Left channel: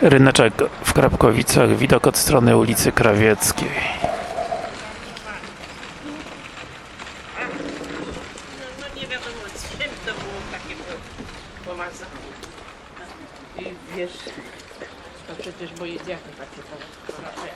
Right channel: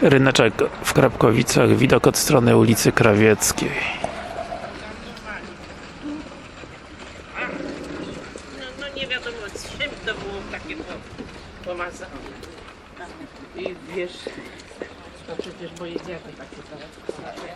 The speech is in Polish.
Ryneczek w Krapkowicach, widok od strony ulicy Krawieckiej. No, no nie wiadomo z czym to było takie pomazane. I wiesz, to przecież moje dziady takie to.